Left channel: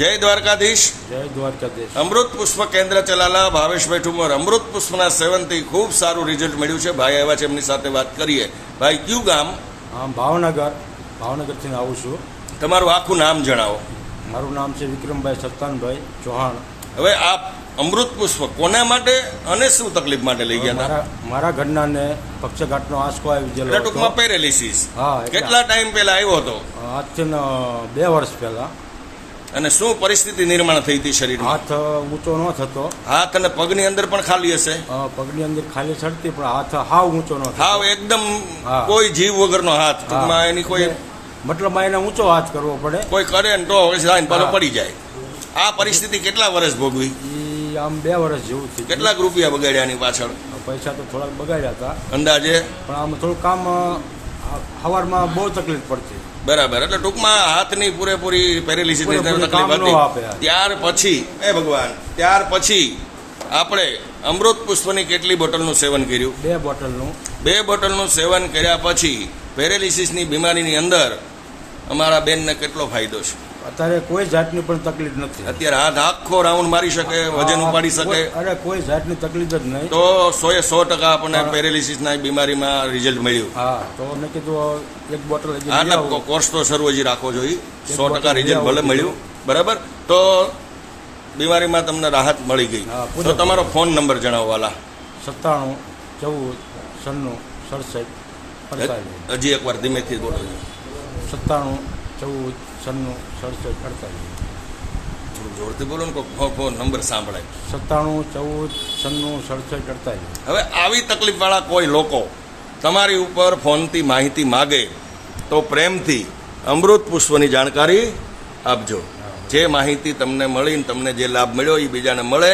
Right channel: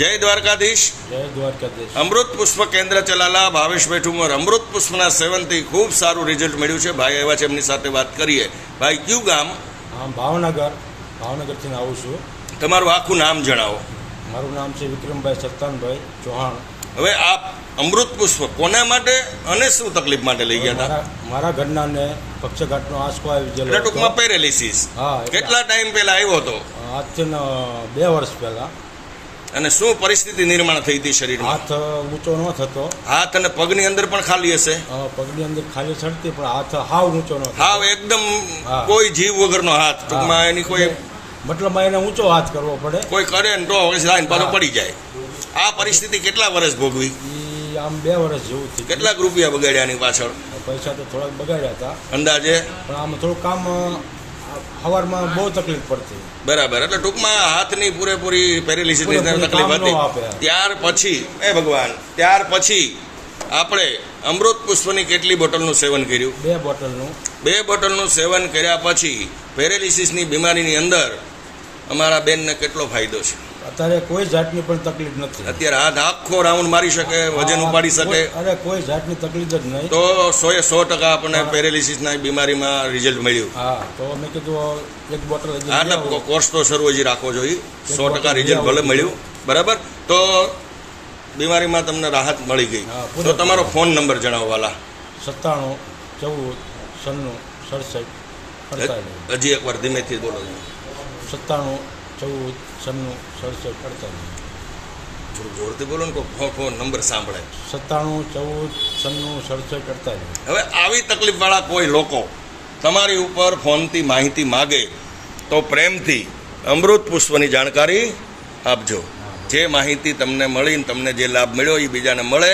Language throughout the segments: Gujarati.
જય દ્વારકાધીશ. જય દ્વારકાધીશ. અમૃત પુષ્પ કેન્દ્ર ચલાલા ભાવેશભાઈ ઠુમર. અમૃત પુષ્પના સેવનથી ખૂબ સારું રિઝલ્ટ મળ્યું છે. ભાઈ આવ્યા છે, એમની સાથે વાત કરીએ. ભાઈ, કયું ગામ? ભાવનગરથી આવું છું. તમારું આખું નામ જણાવો. મારું નામ છે વિક્રમભાઈ સત્તાનભાઈ ચૌહાણ. હવે આપ અમૃત પુષ્પ કોના માટે અને શું તકલીફ માટે લઈ ગયા હતા? મારા ઘરના ને પક્ષઘાતનો આંચકો આવી ગયેલો એટલે ટૂંકમાં પેરેલિસિસ. હા. કેટલા ટાઈમ પહેલા આવ્યો હતો? આજથી 2 વર્ષ પહેલા. અને શું પરિસ્થિતિ નિર્માણ થઈ હતી શરીરમાં? હાથ ઊંચો ન થતો. હાથ અને પગની અંદર પણ ખાલી હશે? પગની અંદર ખાલી ચડતી, પણ હાથ હાવ ઊંચો ન થતો. હાવ એકદમ કોઈ જીવ વગરનો હાથ. ટૂંકમાં એની કોઈ મતલબ એને ઊંચો હાથ કરવો પડે. કોઈ કરે ને તો પાછો પડી જાય. આ પરિસ્થિતિ કેટલા વર્ષ ભોગવી? આમ 2 વર્ષ જેવું થયું. કેટલાક રૂપિયા બગાડ્યા આની પાછળ? પૈસા તો થોડાક બગાડ્યા હતા અંદાજે, પણ આમ થોડું કામ સવારમાં બહુ તકલીફ પડતી. બરાબર. એટલે ટૂંકમાં હાથની પૂરેપૂરી પેરેલિસિસ તકલીફ હતી. ત્યાર પછી આપણે અમૃત પુષ્પની કેટલી બોટલનું સેવન કર્યું? 2 બોટલનું સેવન કર્યા પછી પેરેલિસિસની બીમારીની અંદર અમારા બેનને કેટલો ફાયદો છે? અત્યારે કોઈ જાતની પણ તકલીફ નથી. અત્યારે હાથ આખો રાઉન્ડ મારી શકે, વજન ઉપાડી શકે. અરે કોઈ જાતની તકલીફ જ નહીં. તો 100% આપણને પેરેલિસિસના બીમારીમાં રિઝલ્ટ મળ્યું. હા, તો મેં કીધું 1 બોટલ કોર્સ તો શરૂ હજી રાખવો જોઈએ. 100% રિઝલ્ટ ભલે મળ્યું. બરાબર. તો બીમારીમાં તમને રાહત મળી ગઈ. તો તમારો ફોન નંબર જણાવો વાલા. 97 14 96 67 હજી એકવાર ધીમેથી બોલો. 97 14 96 67 થોડું જોરથી બોલો ને, ફોન નંબર સાંભળાય. 97 14 96 67 હવે આવી તકલીફવાળા કોઈ લોકો તમારી ઉપર ફોનથી માહિતી માગે તો પ્રેમથી અમૃત પુષ્પની જાણકારી આપજો. જે માહિતી તમને મળી, તમને જે લાભ મળ્યો એ બીજાને મળે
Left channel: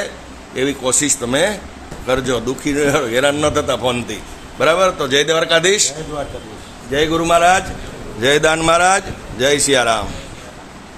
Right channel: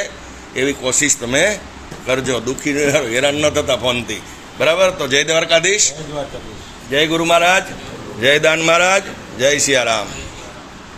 એવી કોશિશ તમે કરજો. દુઃખી હેરાન ન થતા ફોનથી. બરાબર. તો જય દ્વારકાધીશ. જય ગુરુ મહારાજ. જય દાન મહારાજ. જય સિયારામ.